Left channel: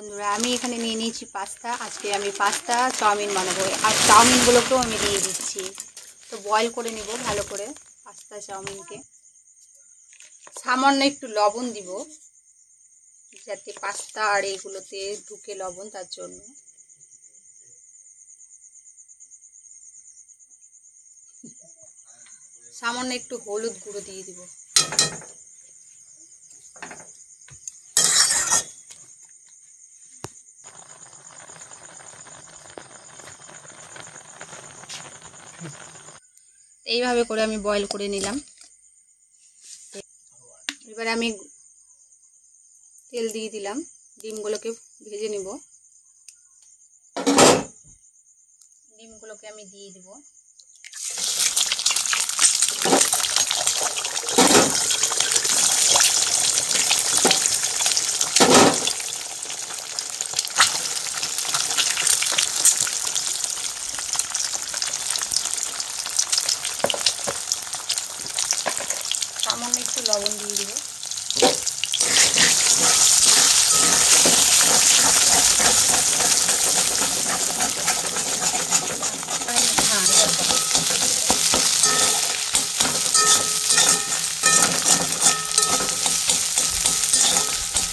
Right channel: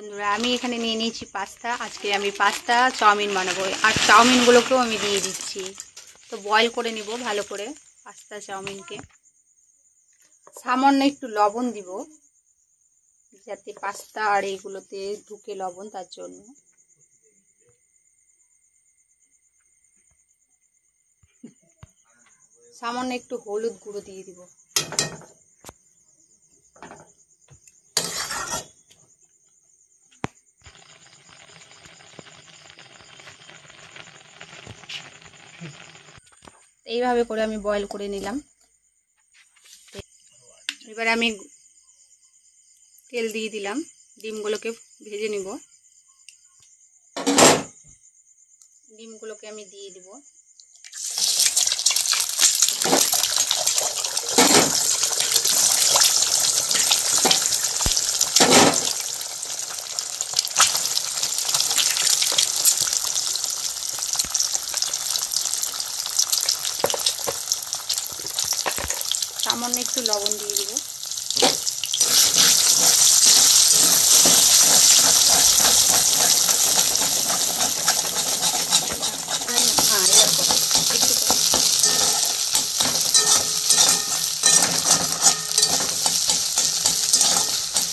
বন্ধুরা আমি এখানে নিয়ে নিয়েছি পাস্তা। আজকে আমি পাস্তা চাউমিন বানাবো, আর চাউমিনগুলোকেও আমি দিয়ে দিচ্ছি। তো বয়েল করে নিব ভালো করে পাস্তা চাউমিনকে। সামান্য একটু লবণ দিব যাতে পাস্তা আর এইগুলোতে ঢুকে লবণ, তার জন্য। সামান্য একটু হলুদ গুঁড়ো দিয়ে দিব। এইভাবে করে আমি বয়েল করে নিলাম। এবার আমি তেল দিয়ে দিলাম, ডিমগুলোকে ভেজে নিব। ডিমগুলোকে আমি দিয়ে দিব। সামান্য একটু লবণ দিয়ে দিব।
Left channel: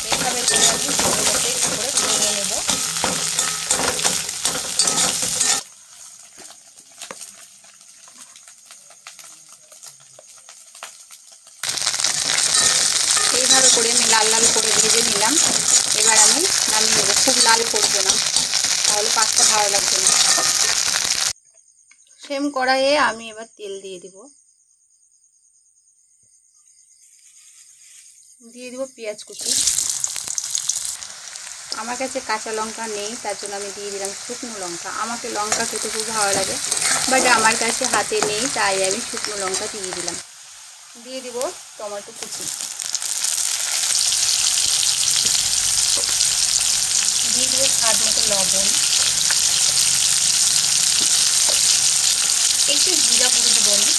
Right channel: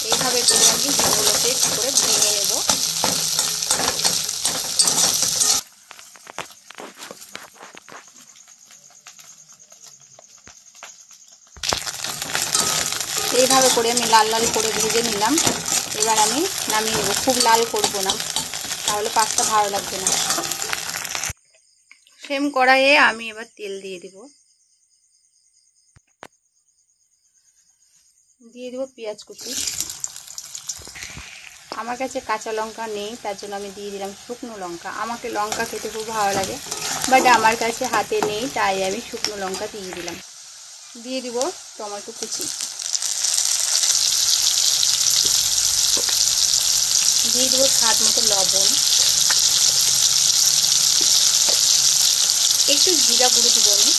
এইভাবে করে আমি সেগুলোকে করে ভেঙে নেব। এইভাবে করে আমি লাল লাল করে ভেজে নিলাম। এবার আমি নামিয়ে নেব। খুব লাল করব না, তাহলে পাস্তা ভালো লাগবে না। সেম কড়াইয়ে আমি এবার তেল দিয়ে দিব। দিয়ে দিব পেঁয়াজ কুচি। আমার কাছে কাঁচা লঙ্কা নেই, তার জন্য আমি দিয়ে দিলাম শুকনো লঙ্কা। আমাকে লঙ্কা খেতে খুব ভালো লাগে, বাট আমার কাছে হাতে নেই, তাই আমি শুকনো লঙ্কা দিয়ে দিলাম। দিয়ে দিব টমেটো কুচি। দিয়ে দেবো স্বাদ মতো লবণ। একটু জিরা গুঁড়ো দিব আমি।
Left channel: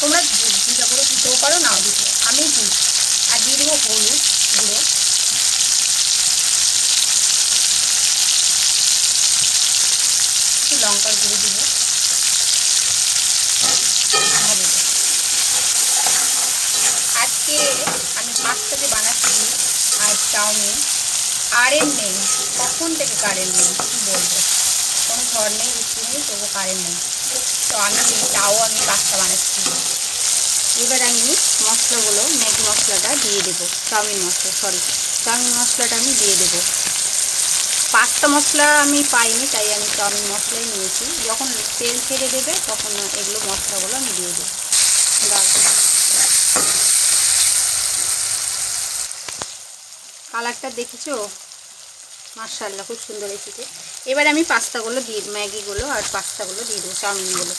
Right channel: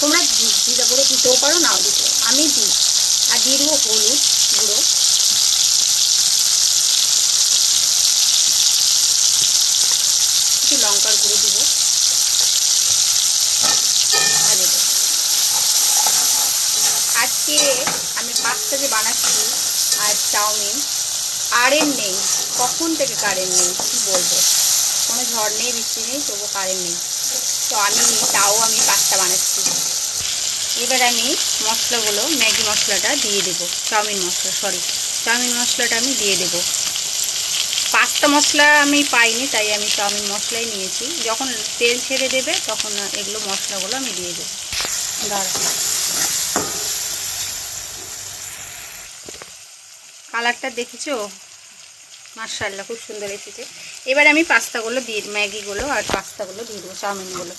তোমরা জিরা গুঁড়ো দিতেও পারো, নাও দিতে, আমি দিই। আর দিয়ে দেবো হলুদ গুঁড়ো। একটু লঙ্কার গুঁড়ো দিব। আজকে আমি পাস্তা যে বানাচ্ছি আর চাউমিন, কারেন্ট নেই। কখন থেকে কারেন্ট নেই কি বলবো, কোনো ঝড় নেই, বৃষ্টি নেই, তবু কারেন্ট নেই। তো আমি তাও আমি পাস্তা বানাচ্ছি। এবার আমি মশলাগুলো, ম্যাগি মশলাটা দিয়ে দেবো। চাউমিন মশলাটা আমি দিয়ে দেবো। পাস্তা মশলা আমি পাইনি, তাই আমি চাউমিন মশলাই নিয়েছি। যখন তেল ছেড়ে দেবে তখন এগুলো মশলাগুলো আমি দিয়ে দেবো। কালারটা দেখেছো? মাশাআল্লাহ, খুব সুন্দর এসেছে। এবার আমি পাস্তাগুলো দিয়ে, ম্যাগিগুলো আর পাস্তাগুলো দিয়ে দেবো, চাউমিনগুলো।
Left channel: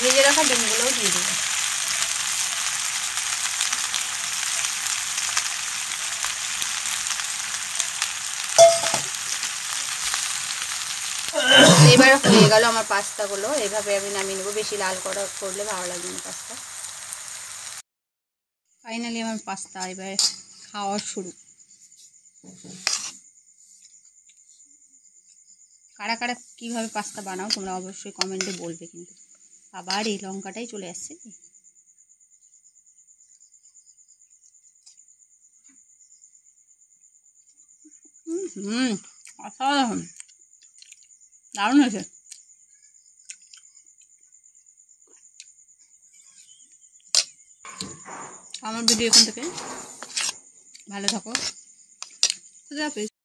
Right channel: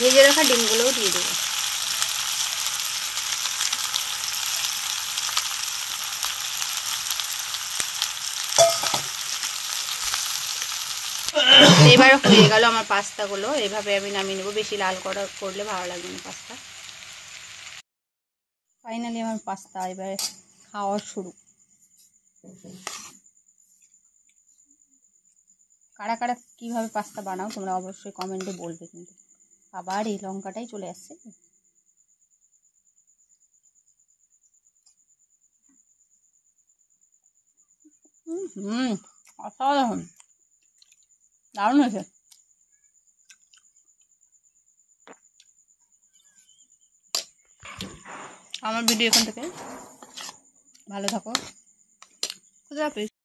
ভেজে রাখা ডিমগুলোও দিয়ে দেবো। এবার হয়ে গেল আমার পাস্তাগুলো। এইভাবে আমি নামিয়ে নেবো। বেশি লাল করলে ভালো লাগবে না পাস্তা। ফাইনালি আমার পাস্তা এবার খাওয়া শুরু। কারা কারা কীভাবে পাস্তা বানাও তোমরা অবশ্যই কমেন্টে বলবে। কিন্তু আবার এই লঙ্কাটাই চলে আসছে। অসাধারণ, দারুণ হয়েছে। আমার ভিডিও এখান থেকে ভালো থাকো। খুদা হাফেজ।